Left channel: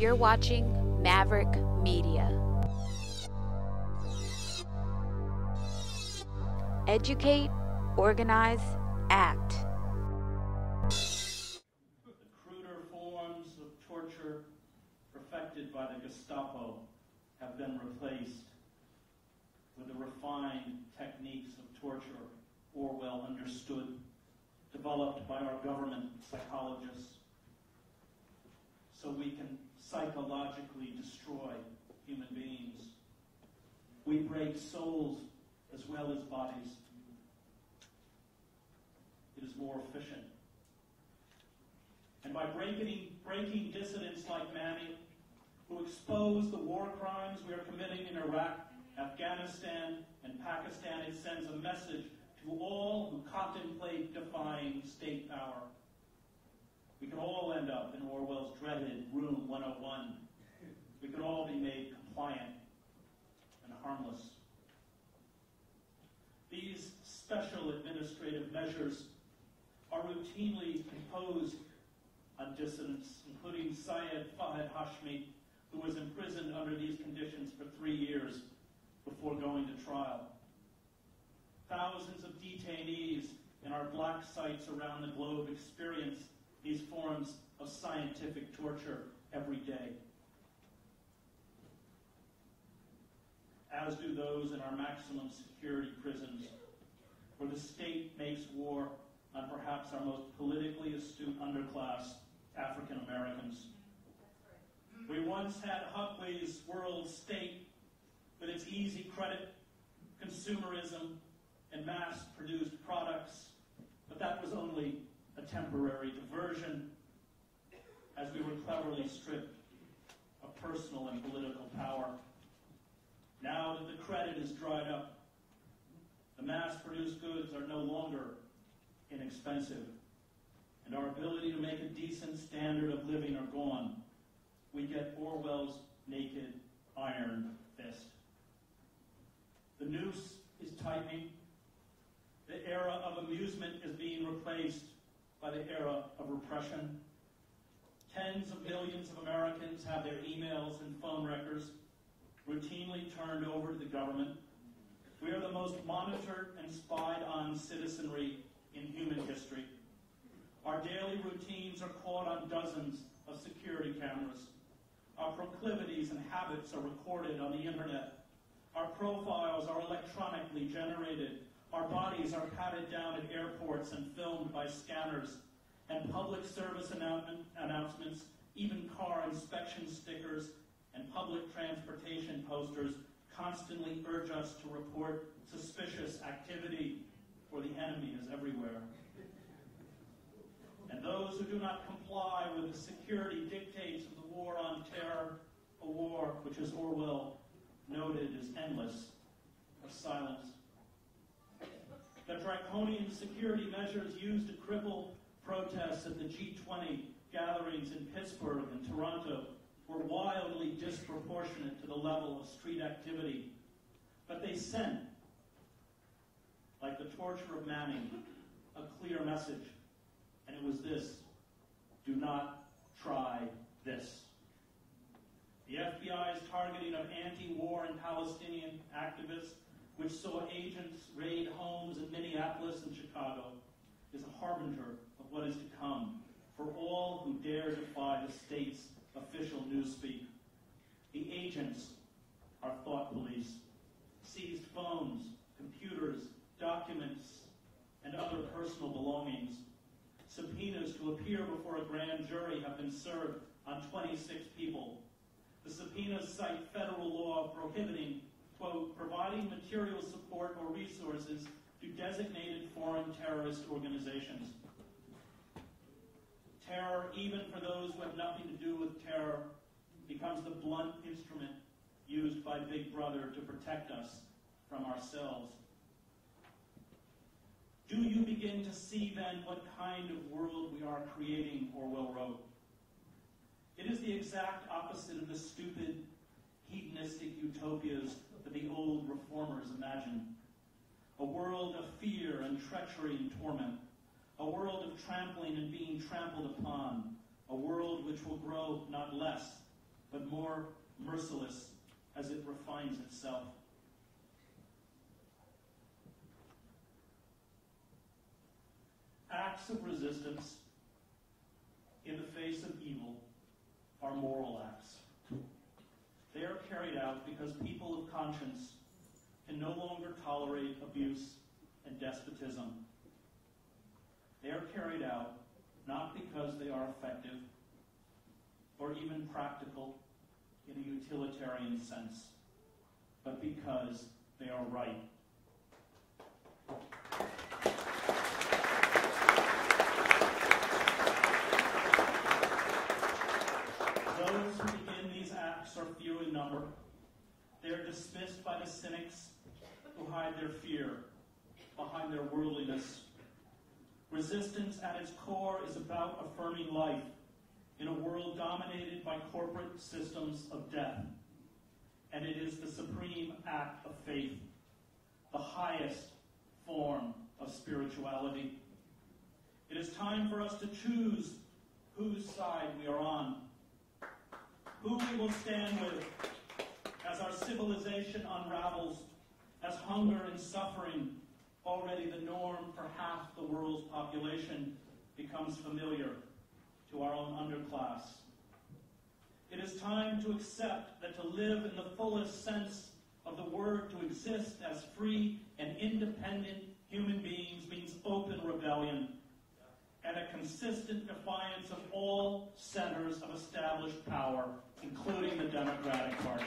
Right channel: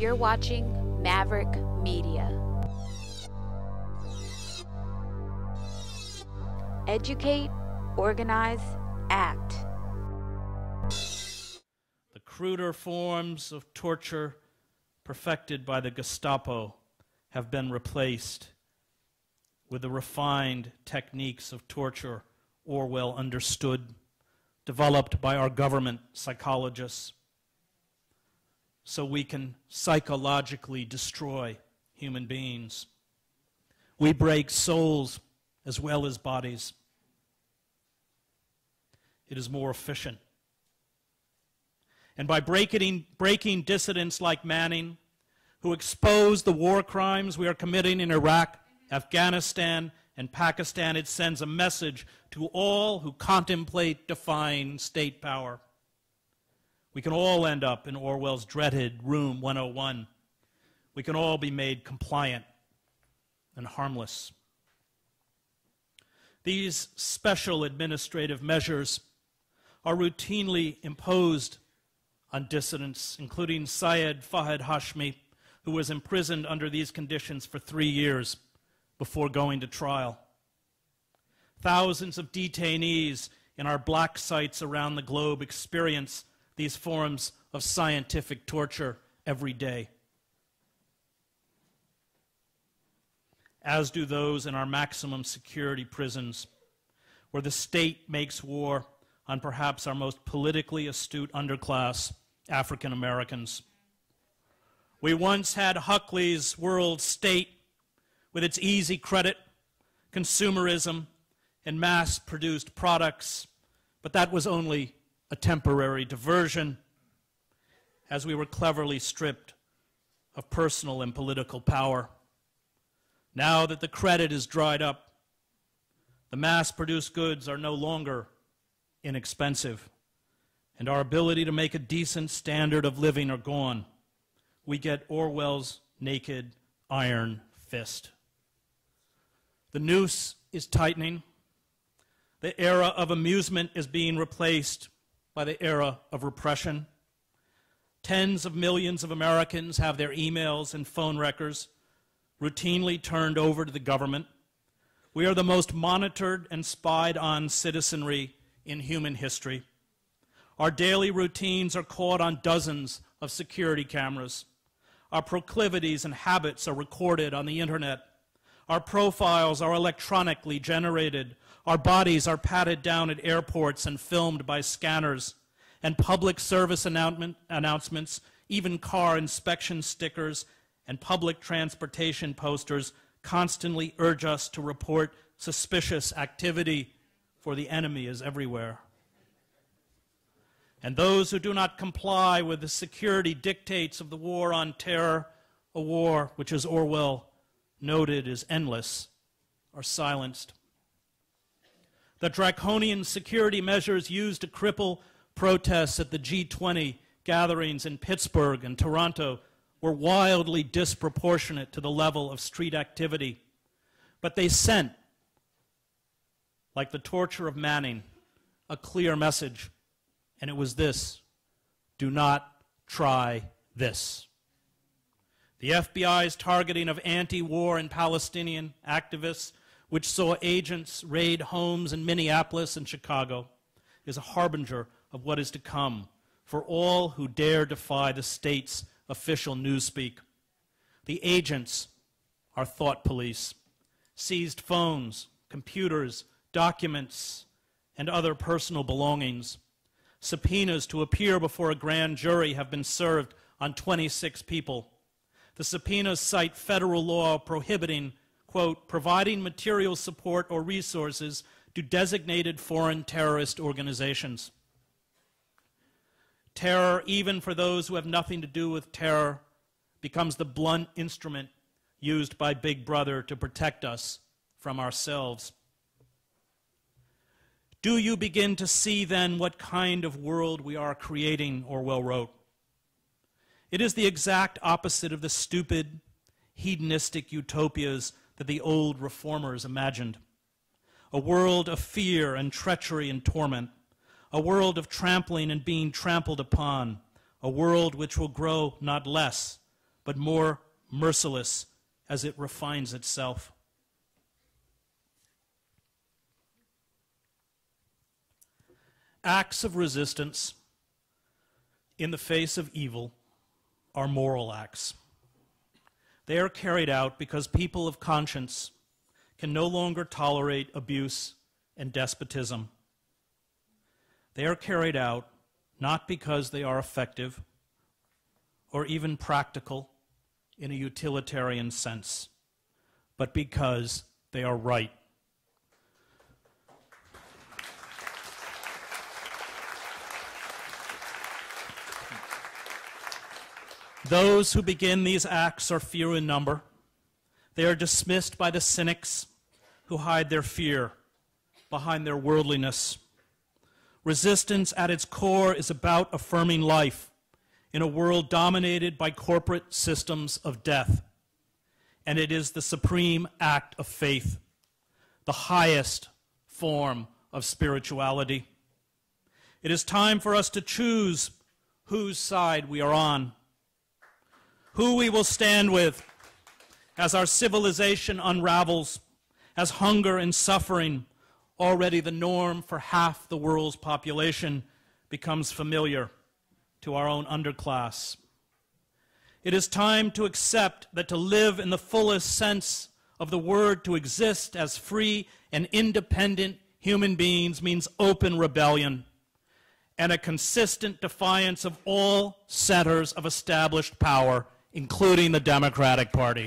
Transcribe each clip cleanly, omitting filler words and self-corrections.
You're watching Maverick Media. Educate, organize, act. The cruder forms of torture perfected by the Gestapo have been replaced with the refined techniques of torture Orwell understood, developed by our government psychologists, so we can psychologically destroy human beings. We break souls as well as bodies. It is more efficient. And by breaking dissidents like Manning, who expose the war crimes we are committing in Iraq, Afghanistan, and Pakistan, it sends a message to all who contemplate defying state power. We can all end up in Orwell's dreaded Room 101. We can all be made compliant and harmless. These special administrative measures are routinely imposed on dissidents, including Syed Fahad Hashmi, who was imprisoned under these conditions for 3 years before going to trial. Thousands of detainees in our black sites around the globe experience these forms of scientific torture every day, as do those in our maximum security prisons, where the state makes war on perhaps our most politically astute underclass, African Americans. We once had Huxley's world state with its easy credit, consumerism, and mass-produced products, but that was only a temporary diversion, as we were cleverly stripped of personal and political power. Now that the credit is dried up, the mass-produced goods are no longer inexpensive, and our ability to make a decent standard of living are gone. We get Orwell's naked iron fist. The noose is tightening. The era of amusement is being replaced by the era of repression. Tens of millions of Americans have their emails and phone records routinely turned over to the government. We are the most monitored and spied on citizenry in human history. Our daily routines are caught on dozens of security cameras. Our proclivities and habits are recorded on the internet. Our profiles are electronically generated. Our bodies are patted down at airports and filmed by scanners. And public service announcements, even car inspection stickers, and public transportation posters constantly urge us to report suspicious activity, for the enemy is everywhere. And those who do not comply with the security dictates of the war on terror, a war which, as Orwell noted, is endless, are silenced. The draconian security measures used to cripple protests at the G20 gatherings in Pittsburgh and Toronto were wildly disproportionate to the level of street activity. But they sent, like the torture of Manning, a clear message, and it was this: do not try this. The FBI's targeting of anti-war and Palestinian activists, which saw agents raid homes in Minneapolis and Chicago, is a harbinger of what is to come for all who dare defy the state's official newspeak. The agents are thought police, seized phones, computers, documents, and other personal belongings. Subpoenas to appear before a grand jury have been served on 26 people. The subpoenas cite federal law prohibiting, quote, providing material support or resources to designated foreign terrorist organizations. Terror, even for those who have nothing to do with terror, becomes the blunt instrument used by Big Brother to protect us from ourselves. Do you begin to see then what kind of world we are creating, Orwell wrote? It is the exact opposite of the stupid, hedonistic utopias that the old reformers imagined. A world of fear and treachery and torment. A world of trampling and being trampled upon. A world which will grow not less, but more merciless as it refines itself. Acts of resistance in the face of evil are moral acts. They are carried out because people of conscience can no longer tolerate abuse and despotism. They are carried out not because they are effective or even practical in a utilitarian sense, but because they are right. Those who begin these acts are few in number. They are dismissed by the cynics who hide their fear behind their worldliness. Resistance at its core is about affirming life in a world dominated by corporate systems of death. And it is the supreme act of faith, the highest form of spirituality. It is time for us to choose whose side we are on, who we will stand with as our civilization unravels, as hunger and suffering, already the norm for half the world's population, becomes familiar to our own underclass. It is time to accept that to live in the fullest sense of the word, to exist as free and independent human beings, means open rebellion and a consistent defiance of all centers of established power, including the Democratic Party.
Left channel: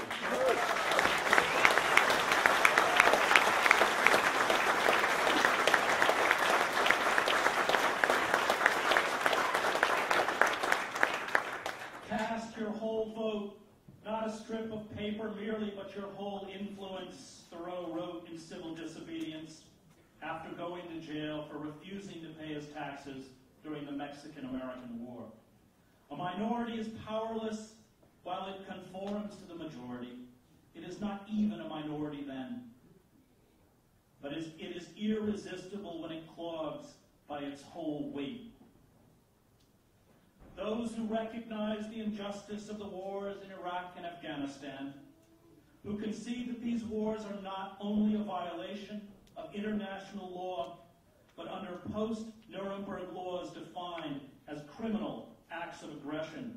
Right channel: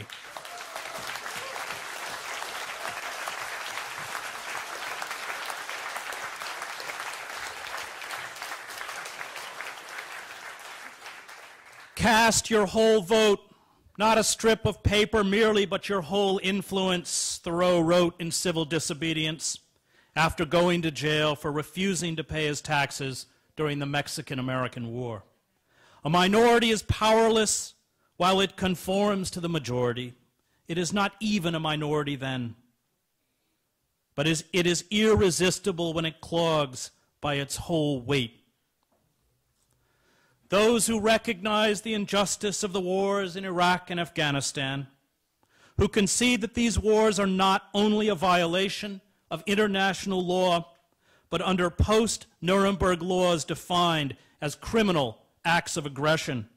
Cast your whole vote, not a strip of paper merely, but your whole influence, Thoreau wrote in Civil Disobedience after going to jail for refusing to pay his taxes during the Mexican-American War. A minority is powerless while it conforms to the majority. It is not even a minority then, but it is irresistible when it clogs by its whole weight. Those who recognize the injustice of the wars in Iraq and Afghanistan, who concede that these wars are not only a violation of international law, but under post-Nuremberg laws defined as criminal acts of aggression,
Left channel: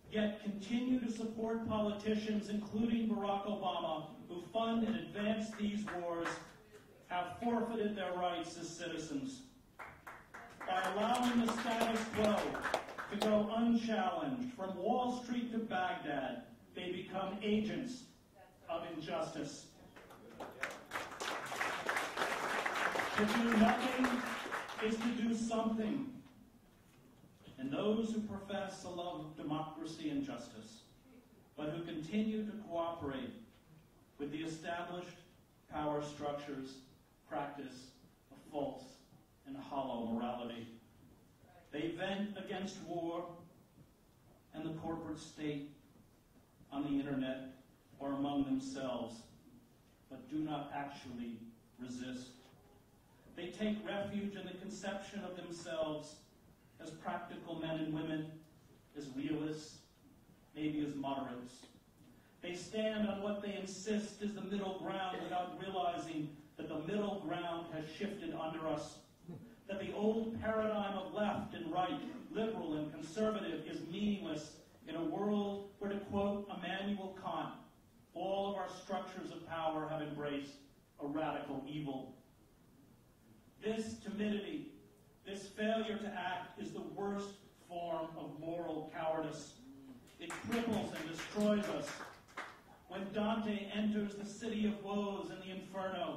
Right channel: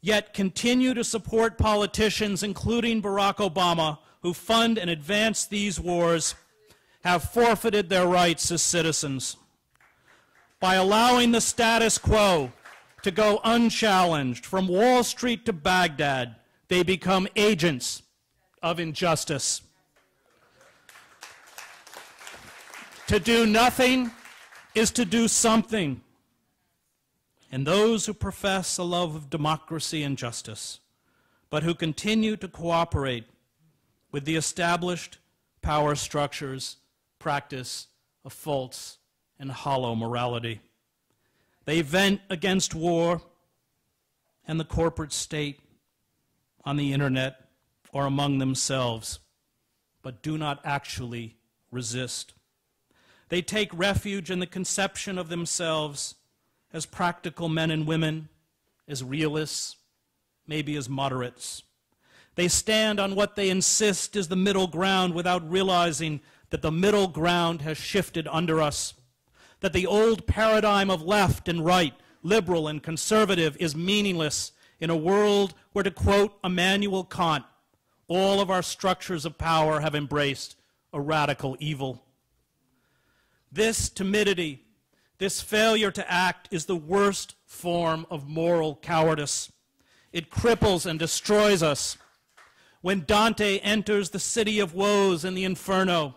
yet continue to support politicians, including Barack Obama, who fund and advance these wars, have forfeited their rights as citizens. By allowing the status quo to go unchallenged from Wall Street to Baghdad, they become agents of injustice. To do nothing is to do something. And those who profess a love of democracy and justice, but who continue to cooperate with the established power structures, practice of false and hollow morality. They vent against war and the corporate state on the internet or among themselves, but do not actually resist. They take refuge in the conception of themselves as practical men and women, as realists, maybe as moderates. They stand on what they insist is the middle ground without realizing that the middle ground has shifted under us, that the old paradigm of left and right, liberal and conservative, is meaningless in a world where, to quote Immanuel Kant, all of our structures of power have embraced a radical evil. This timidity, this failure to act, is the worst form of moral cowardice. It cripples and destroys us. When Dante enters the city of woes in the Inferno,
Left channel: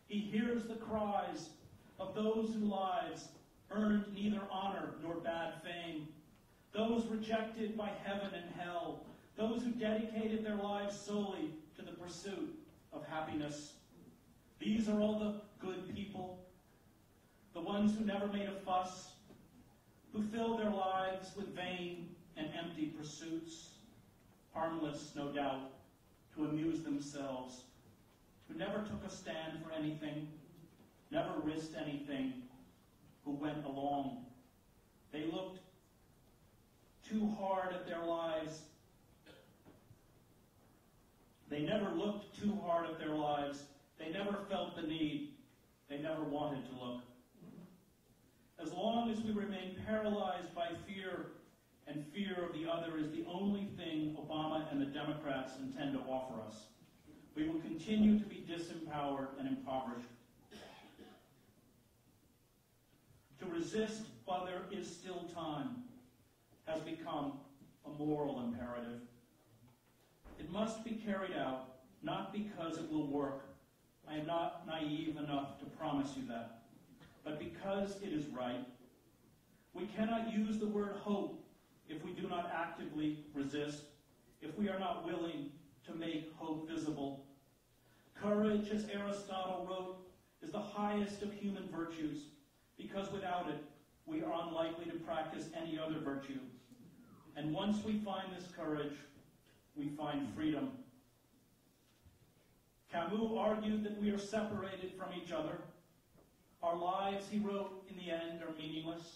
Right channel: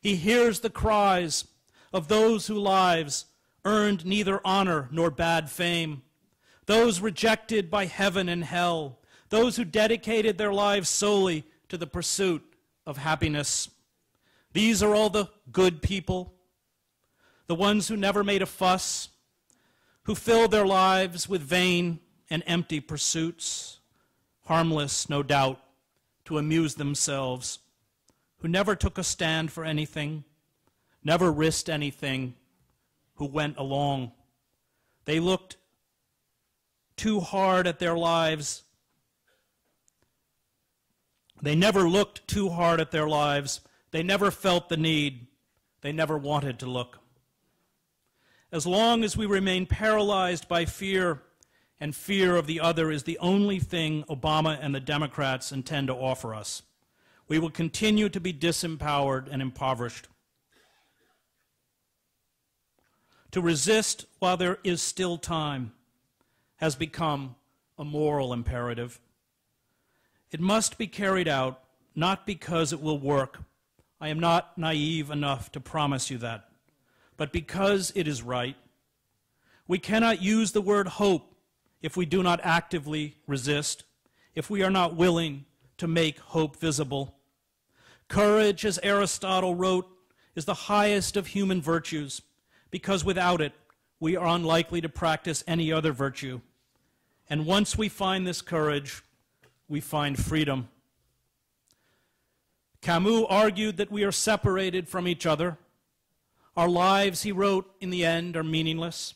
he hears the cries of those whose lives earned neither honor nor bad fame, those rejected by heaven and hell, those who dedicated their lives solely to the pursuit of happiness. These are all the good people, the ones who never made a fuss, who filled their lives with vain and empty pursuits, harmless, no doubt, to amuse themselves, who never took a stand for anything, never risked anything, who went along. They looked too hard at their lives They never looked too hard at their lives. They never felt the need. They never wanted to look. As long as we remain paralyzed by fear, and fear of the other is the only thing Obama and the Democrats intend to offer us, we will continue to be disempowered and impoverished. To resist while there is still time has become a moral imperative. It must be carried out, not because it will work. I am not naive enough to promise you that, but because it is right. We cannot use the word hope if we do not actively resist, if we are not willing to make hope visible. Courage, as Aristotle wrote, is the highest of human virtues, because without it, we are unlikely to practice any other virtue. And once we find this courage, we find freedom. Camus argued that we are separated from each other. Our lives, he wrote, in the end are meaningless.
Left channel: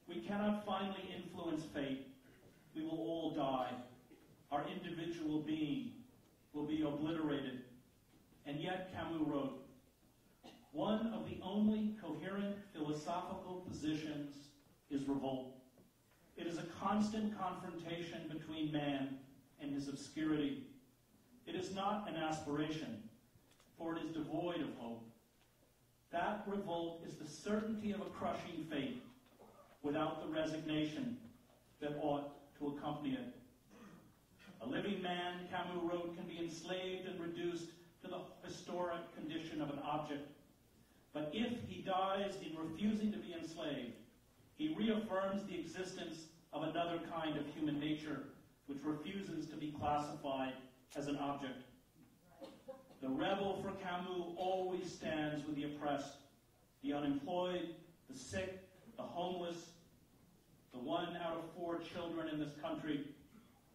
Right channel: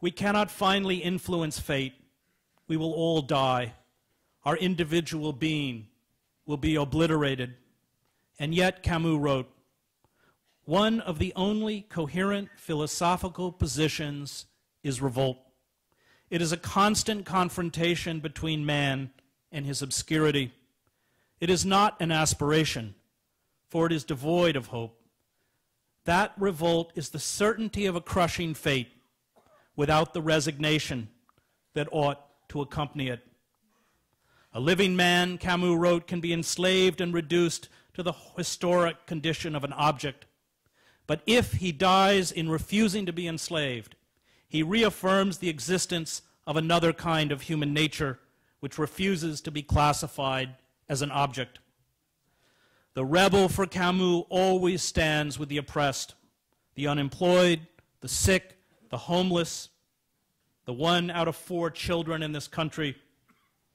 We cannot finally influence fate. We will all die. Our individual being will be obliterated. And yet, Camus wrote, one of the only coherent philosophical positions is revolt. It is a constant confrontation between man and his obscurity. It is not an aspiration, for it is devoid of hope. That revolt is the certainty of a crushing fate without the resignation that ought to accompany it. A living man, Camus wrote, can be enslaved and reduced to the historic condition of an object. But if he dies in refusing to be enslaved, he reaffirms the existence of another kind of human nature which refuses to be classified as an object. The rebel, for Camus, always stands with the oppressed, the unemployed, the sick, the homeless, the 1 out of 4 children in this country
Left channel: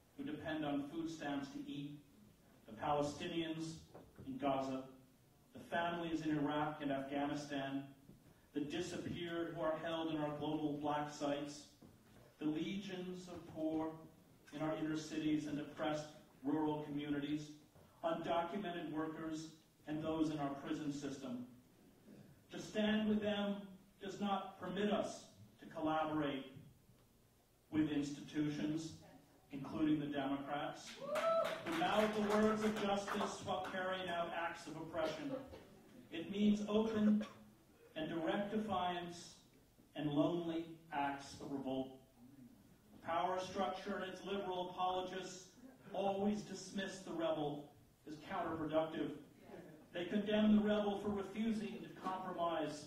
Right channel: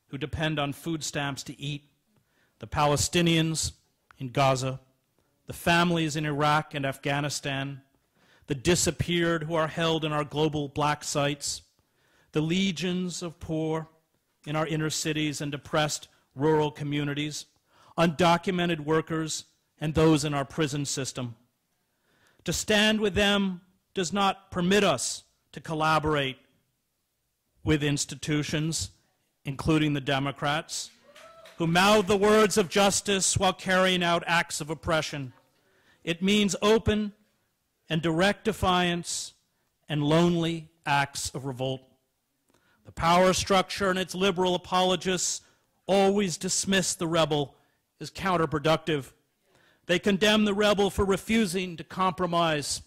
who depend on food stamps to eat, the Palestinians in Gaza, the families in Iraq and Afghanistan, the disappeared who are held in our global black sites, the legions of poor in our inner cities and depressed rural communities, undocumented workers, and those in our prison system. To stand with them does not permit us to collaborate with institutions, including the Democrats, who mouth the words of justice while carrying out acts of oppression. It means open and direct defiance and lonely acts of revolt. The power structure and its liberal apologists always dismiss the rebel as counterproductive. They condemn the rebel for refusing to compromise.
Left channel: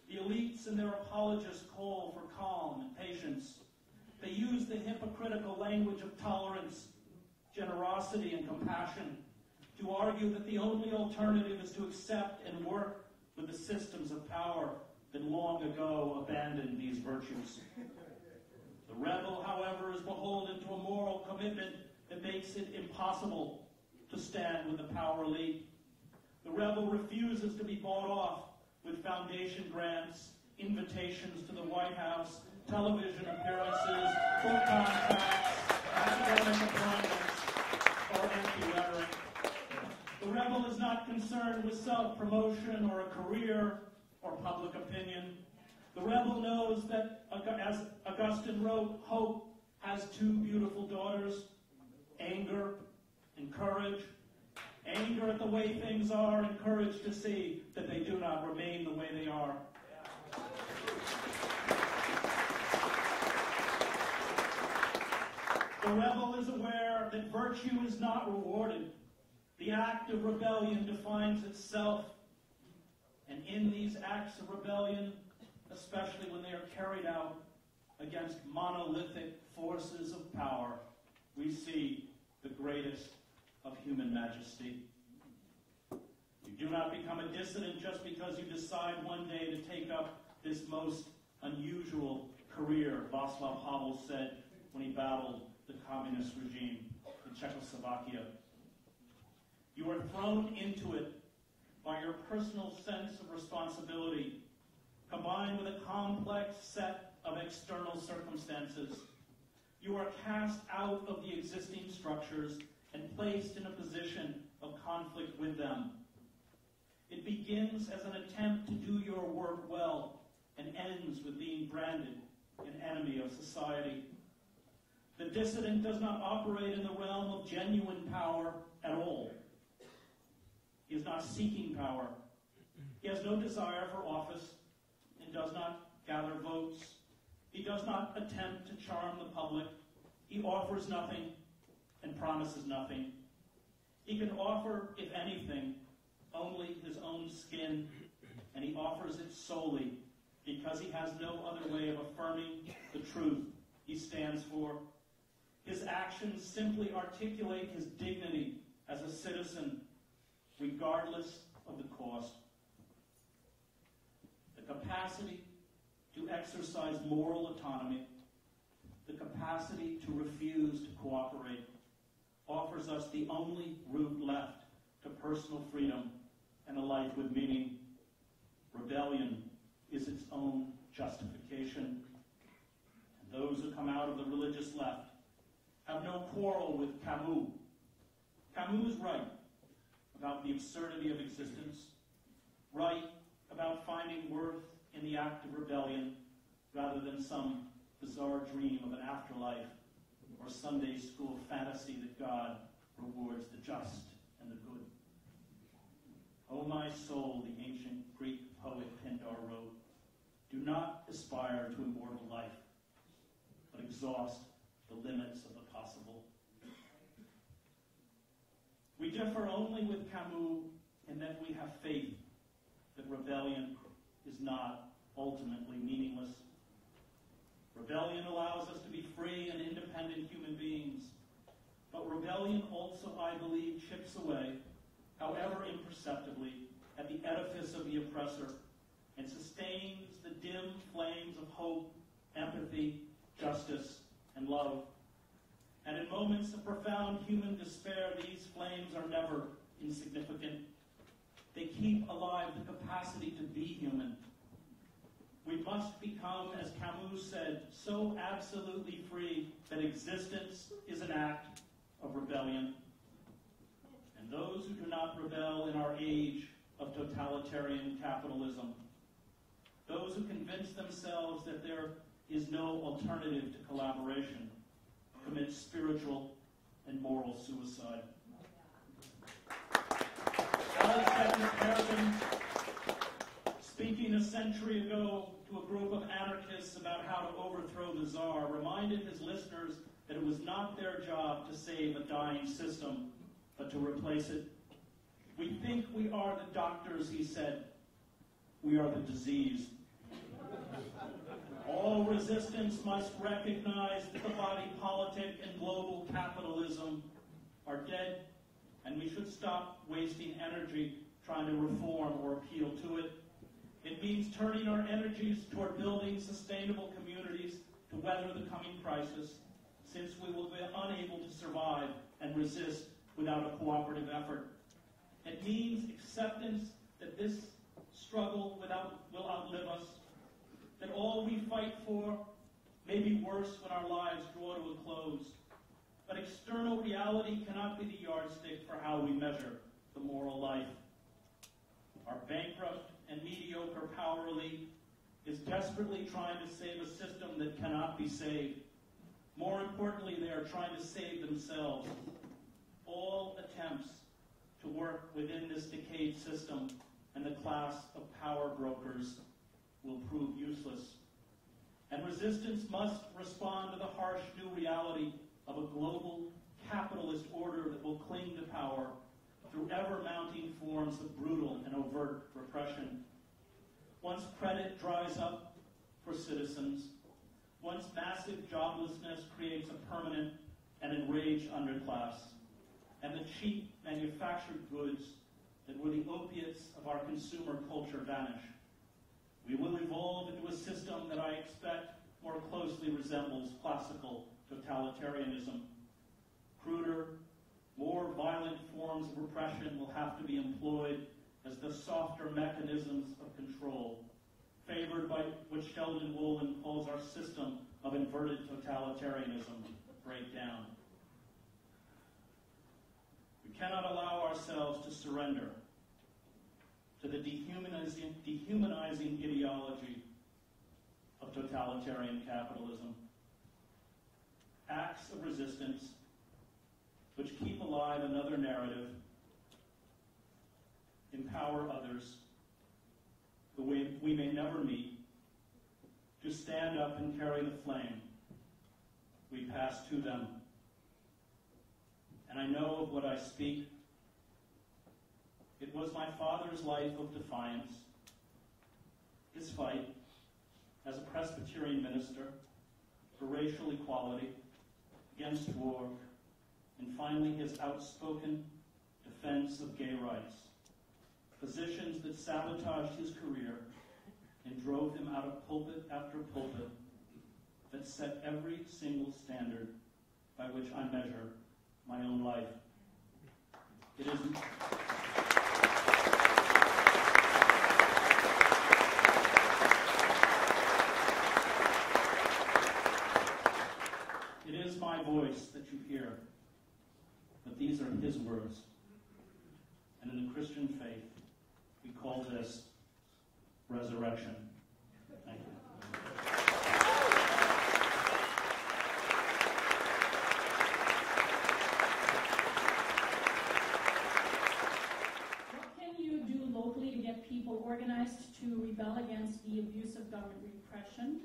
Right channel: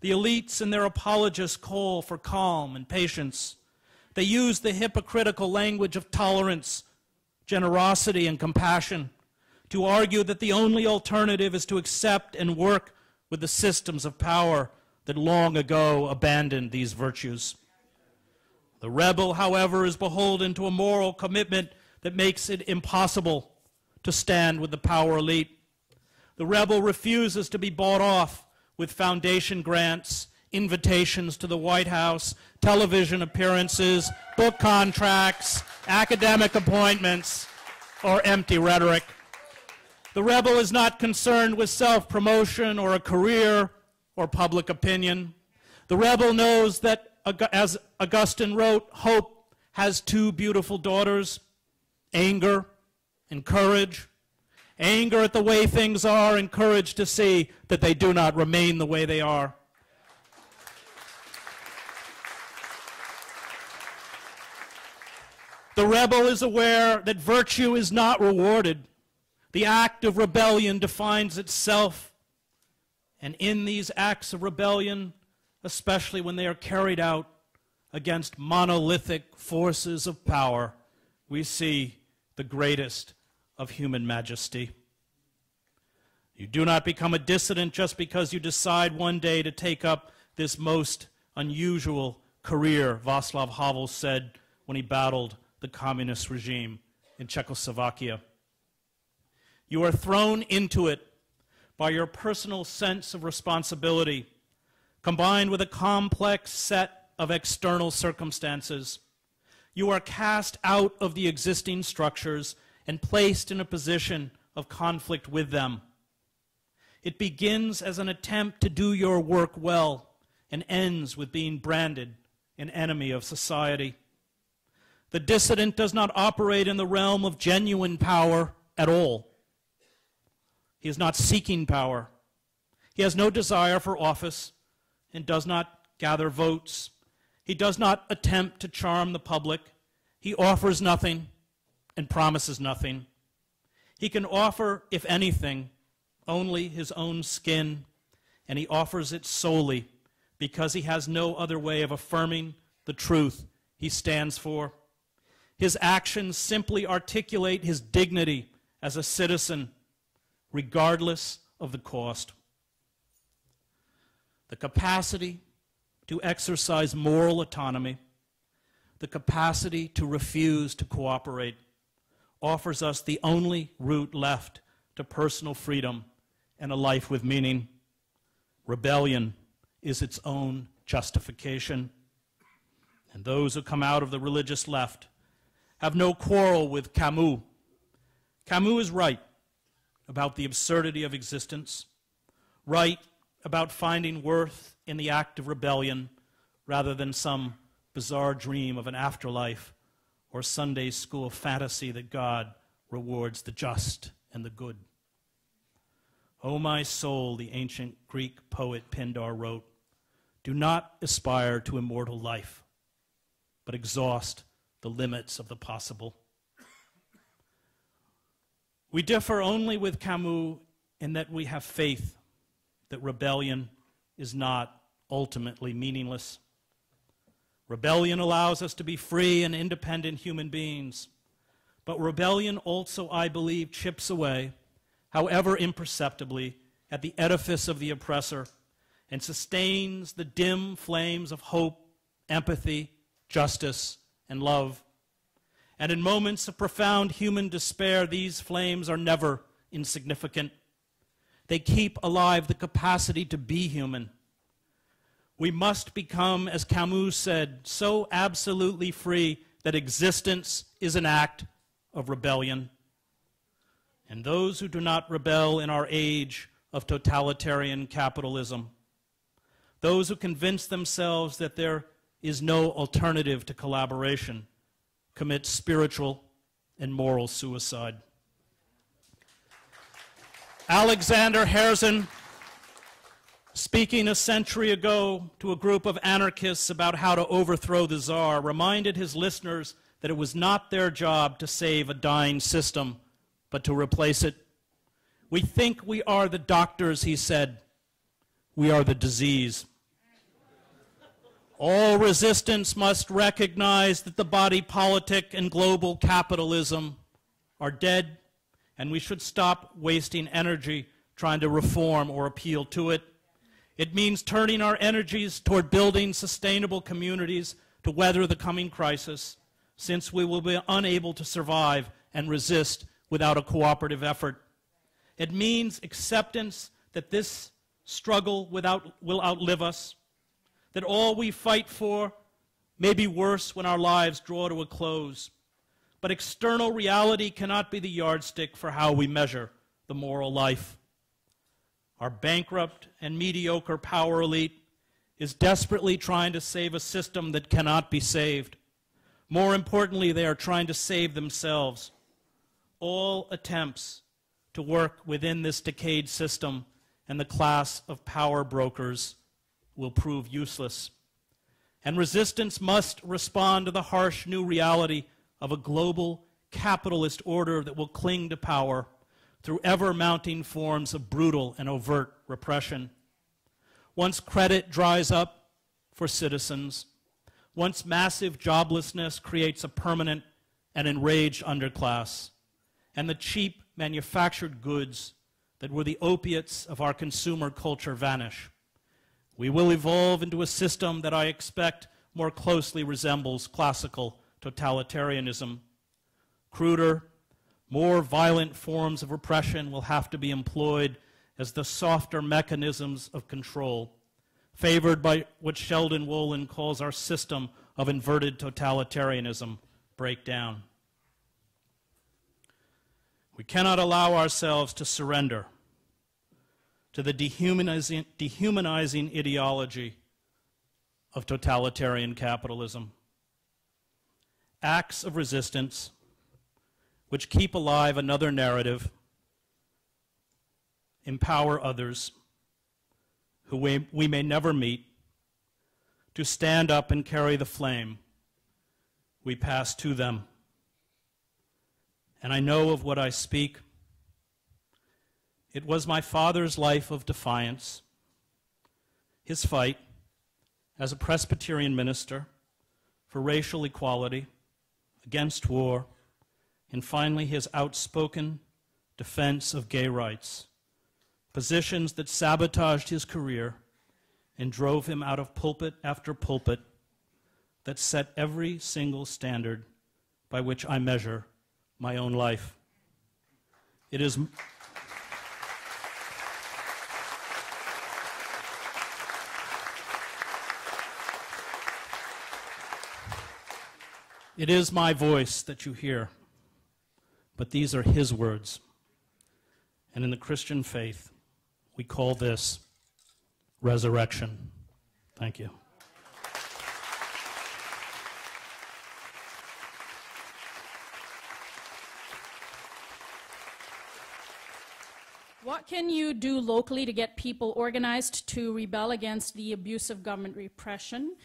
The elites and their apologists call for calm and patience. They use the hypocritical language of tolerance, generosity, and compassion to argue that the only alternative is to accept and work with the systems of power that long ago abandoned these virtues. The rebel, however, is beholden to a moral commitment that makes it impossible to stand with the power elite. The rebel refuses to be bought off with foundation grants, invitations to the White House, television appearances, book contracts, academic appointments, or empty rhetoric. The rebel is not concerned with self-promotion or a career or public opinion. The rebel knows that, as Augustine wrote, hope has 2 beautiful daughters, anger and courage. Anger at the way things are, and courage to see that they do not remain the way they are. The rebel is aware that virtue is not rewarded. The act of rebellion defines itself. And in these acts of rebellion, especially when they are carried out against monolithic forces of power, we see the greatest of human majesty. You do not become a dissident just because you decide one day to take up this most unusual career, Václav Havel said when he battled the communist regime in Czechoslovakia. You are thrown into it by your personal sense of responsibility, combined with a complex set of external circumstances. You are cast out of the existing structures and placed in a position of conflict with them. It begins as an attempt to do your work well and ends with being branded an enemy of society. The dissident does not operate in the realm of genuine power at all. He is not seeking power. He has no desire for office and does not gather votes. He does not attempt to charm the public. He offers nothing and promises nothing. He can offer, if anything, only his own skin, and he offers it solely because he has no other way of affirming the truth he stands for. His actions simply articulate his dignity as a citizen, regardless of the cost. The capacity to exercise moral autonomy, the capacity to refuse to cooperate, offers us the only route left to personal freedom and a life with meaning. Rebellion is its own justification. And those who come out of the religious left have no quarrel with Camus. Camus is right about the absurdity of existence, right about finding worth in the act of rebellion rather than some bizarre dream of an afterlife or Sunday school fantasy that God rewards the just and the good. O my soul, the ancient Greek poet Pindar wrote, do not aspire to immortal life, but exhaust the limits of the possible. We differ only with Camus in that we have faith that rebellion is not ultimately meaningless. Rebellion allows us to be free and independent human beings, but rebellion also, I believe, chips away, however imperceptibly, at the edifice of the oppressor and sustains the dim flames of hope, empathy, justice, and love. And in moments of profound human despair, these flames are never insignificant. They keep alive the capacity to be human. We must become, as Camus said, so absolutely free that existence is an act of rebellion. And those who do not rebel in our age of totalitarian capitalism, those who convince themselves that there is no alternative to collaboration, commit spiritual and moral suicide. Alexander Herzen, speaking a century ago to a group of anarchists about how to overthrow the Tsar, reminded his listeners that it was not their job to save a dying system, but to replace it. We think we are the doctors, he said. We are the disease. All resistance must recognize that the body politic and global capitalism are dead, and we should stop wasting energy trying to reform or appeal to it. It means turning our energies toward building sustainable communities to weather the coming crisis, since we will be unable to survive and resist without a cooperative effort. It means acceptance that this struggle will outlive us, that all we fight for may be worse when our lives draw to a close. But external reality cannot be the yardstick for how we measure the moral life. Our bankrupt and mediocre power elite is desperately trying to save a system that cannot be saved. More importantly, they are trying to save themselves. All attempts to work within this decayed system and the class of power brokers will prove useless. And resistance must respond to the harsh new reality of a global capitalist order that will cling to power through ever-mounting forms of brutal and overt repression. Once credit dries up for citizens, once massive joblessness creates a permanent and enraged underclass, and the cheap manufactured goods that were the opiates of our consumer culture vanish, we will evolve into a system that I expect more closely resembles classical totalitarianism. Cruder, more violent forms of repression will have to be employed as the softer mechanisms of control, favored by what Sheldon Wolin calls our system of inverted totalitarianism, break down. We cannot allow ourselves to surrender to the dehumanizing ideology of totalitarian capitalism. Acts of resistance which keep alive another narrative, empower others who we may never meet to stand up and carry the flame we pass to them. And I know of what I speak. It was my father's life of defiance, his fight as a Presbyterian minister for racial equality, against war, and finally his outspoken defense of gay rights, positions that sabotaged his career and drove him out of pulpit after pulpit that set every single standard by which I measure my own life. It is my voice that you hear, but these are his words. And in the Christian faith, we call this resurrection. Thank you. What can you do locally to get people organized to rebel against the abuse of government repression?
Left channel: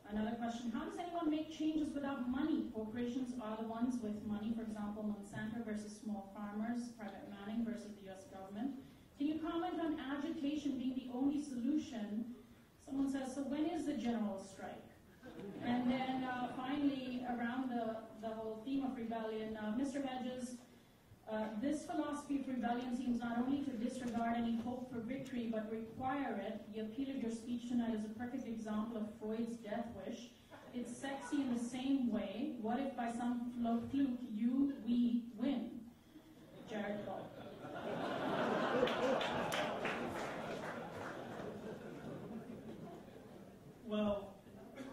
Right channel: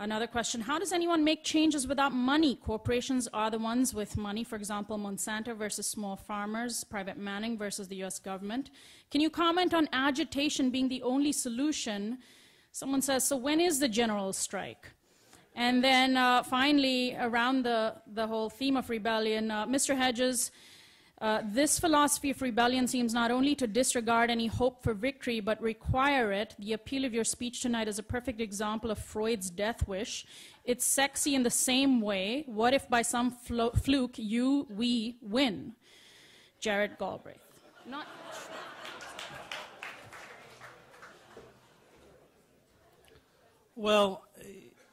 Another question, how does anyone make changes without money? Corporations are the ones with money, for example, Monsanto versus small farmers, private Manning versus the US government. Can you comment on agitation being the only solution? Someone says, so when is the general strike? And then finally, around the whole theme of rebellion, Mr. Hedges, this philosophy of rebellion seems not only to disregard any hope for victory, but require it. The appeal of your speech tonight is a perfect example of Freud's death wish. It's sexy in the same way. What if by some fluke we win? Jared Galbraith. Not Well,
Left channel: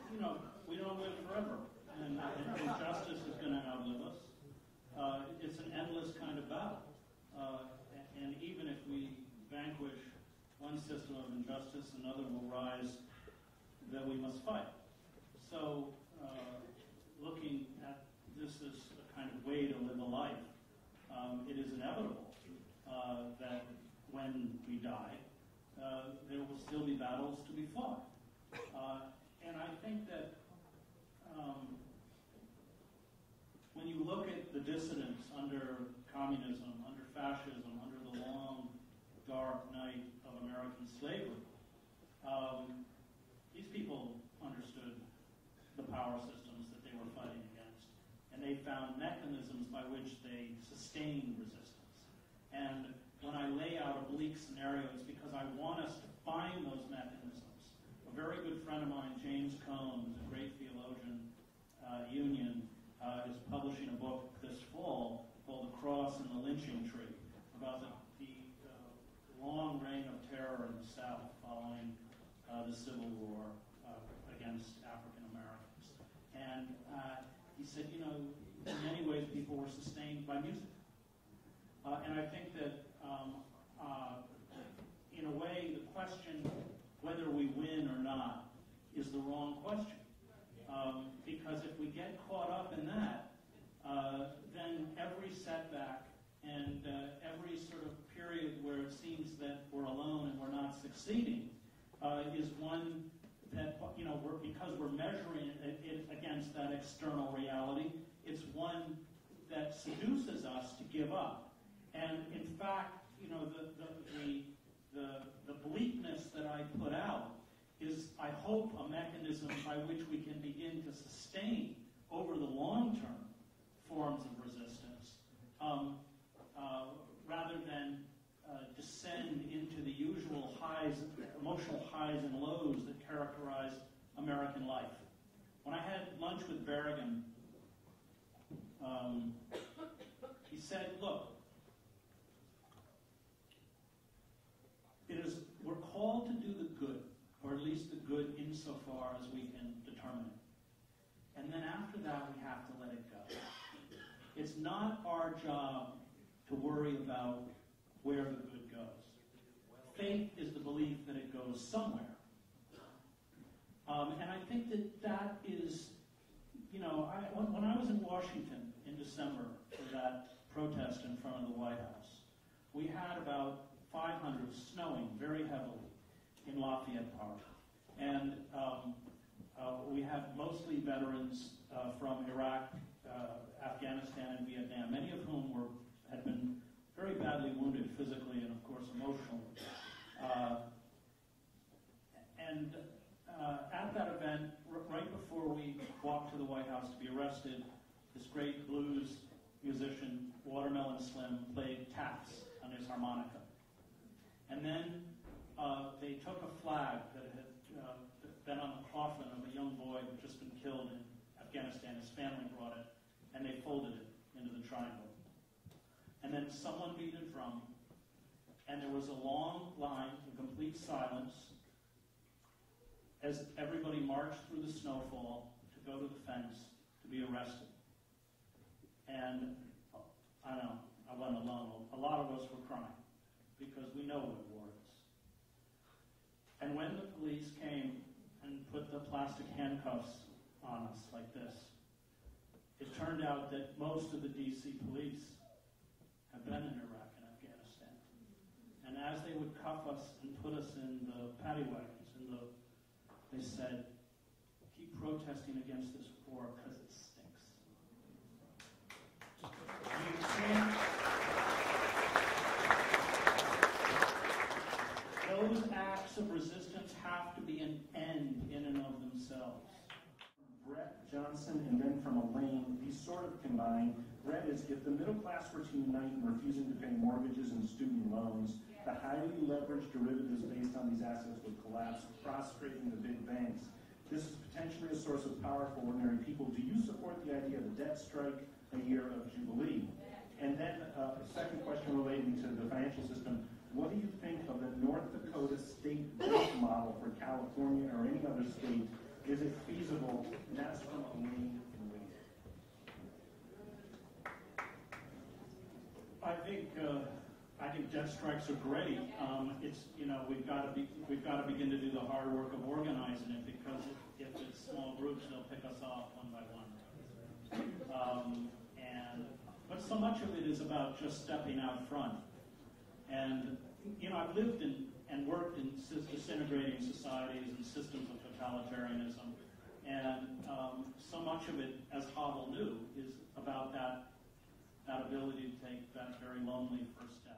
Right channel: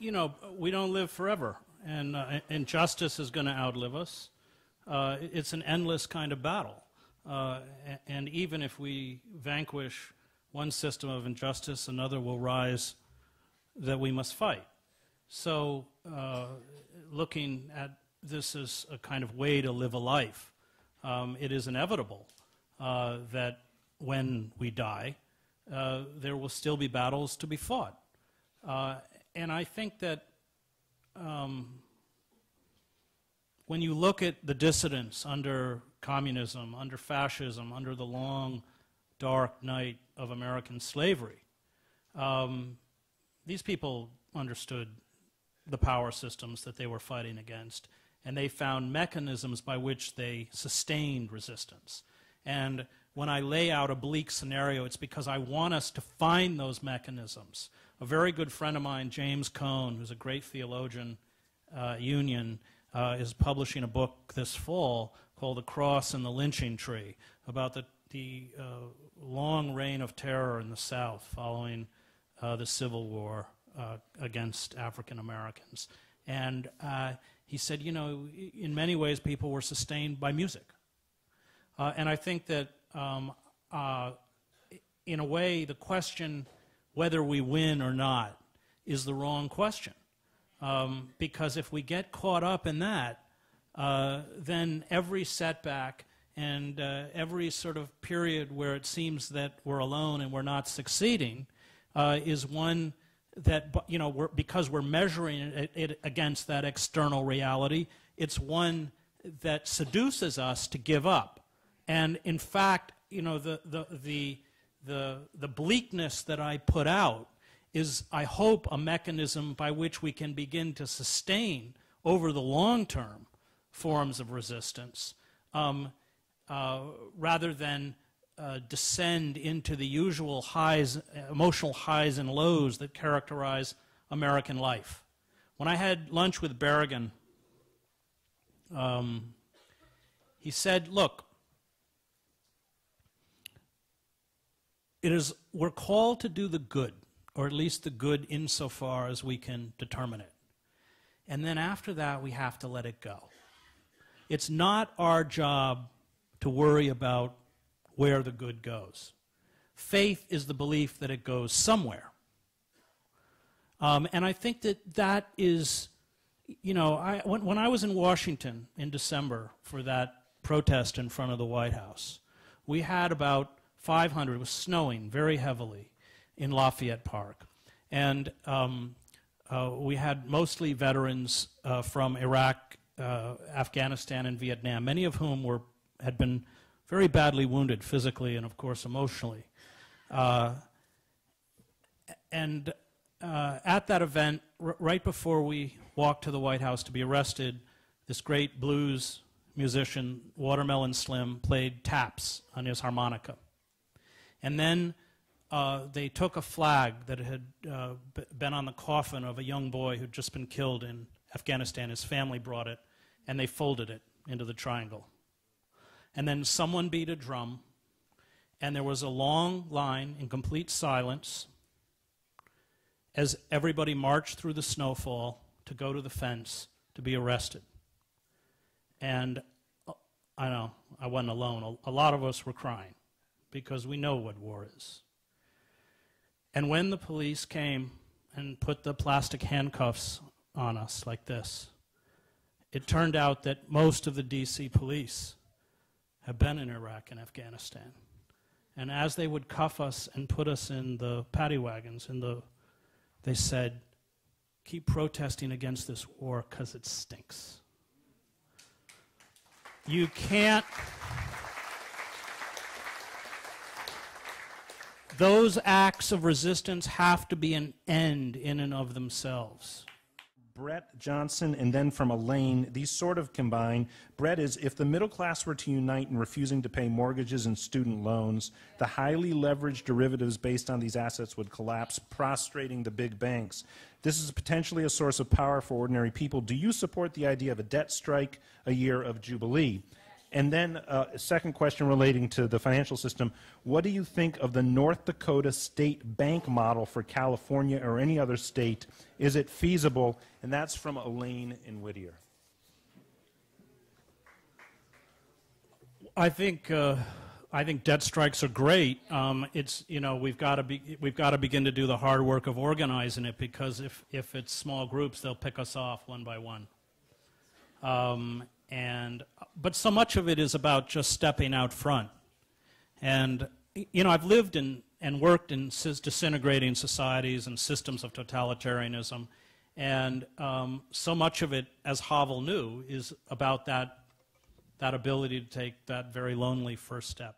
you know, we don't live forever, and injustice is going to outlive us. It's an endless kind of battle. And even if we vanquish one system of injustice, another will rise that we must fight. So looking at this as a kind of way to live a life, it is inevitable that when we die, there will still be battles to be fought. And I think that when you look at the dissidents under communism, under fascism, under the long, dark night of American slavery, these people understood the power systems that they were fighting against, and they found mechanisms by which they sustained resistance. And when I lay out a bleak scenario, it's because I want us to find those mechanisms. A very good friend of mine, James Cone, who's a great theologian, Union, is publishing a book this fall called The Cross and the Lynching Tree, about the long reign of terror in the South following the Civil War against African Americans. And he said, you know, in many ways people were sustained by music. And I think that in a way the question whether we win or not is the wrong question. Because if we get caught up in that, then every setback and every sort of period where it seems that we're alone and we're not succeeding is one that, you know, because we're measuring it against that external reality, it's one that seduces us to give up. And in fact, you know, the bleakness that I put out is, I hope, a mechanism by which we can begin to sustain over the long term forms of resistance rather than descend into the usual highs, emotional highs and lows that characterize American life. When I had lunch with Berrigan, he said, look, we're called to do the good, or at least the good insofar as we can determine it. And then after that, we have to let it go. It's not our job to worry about where the good goes. Faith is the belief that it goes somewhere. And I think that that is, you know, when I was in Washington in December for that protest in front of the White House, we had about 500, it was snowing very heavily in Lafayette Park. And we had mostly veterans from Iraq, Afghanistan, and Vietnam, many of whom had been very badly wounded physically and, of course, emotionally. At that event, right before we walked to the White House to be arrested, this great blues musician, Watermelon Slim, played taps on his harmonica. And then they took a flag that had been on the coffin of a young boy who'd just been killed in Afghanistan. His family brought it, and they folded it into the triangle. And then someone beat a drum, and there was a long line in complete silence as everybody marched through the snowfall to go to the fence to be arrested. And I know, I wasn't alone. A lot of us were crying because we know what war is. And when the police came and put the plastic handcuffs on us like this, it turned out that most of the DC police have been in Iraq and Afghanistan. And as they would cuff us and put us in the paddy wagons, they said, keep protesting against this war because it stinks. You can't. Those acts of resistance have to be an end in and of themselves. Brett Johnson, and then from Elaine, these sort of combine. Brett is, if the middle class were to unite in refusing to pay mortgages and student loans, the highly leveraged derivatives based on these assets would collapse, prostrating the big banks. This is potentially a source of power for ordinary people. Do you support the idea of a debt strike, a year of jubilee? And then a second question relating to the financial system. What do you think of the North Dakota state bank model for California or any other state? Is it feasible? And that's from Elaine in Whittier. I think debt strikes are great. It's, you know, we've got to begin to do the hard work of organizing it, because if it's small groups, they'll pick us off one by one. But so much of it is about just stepping out front. And, you know, I've lived in and worked in disintegrating societies and systems of totalitarianism. And so much of it, as Havel knew, is about that ability to take that very lonely first step.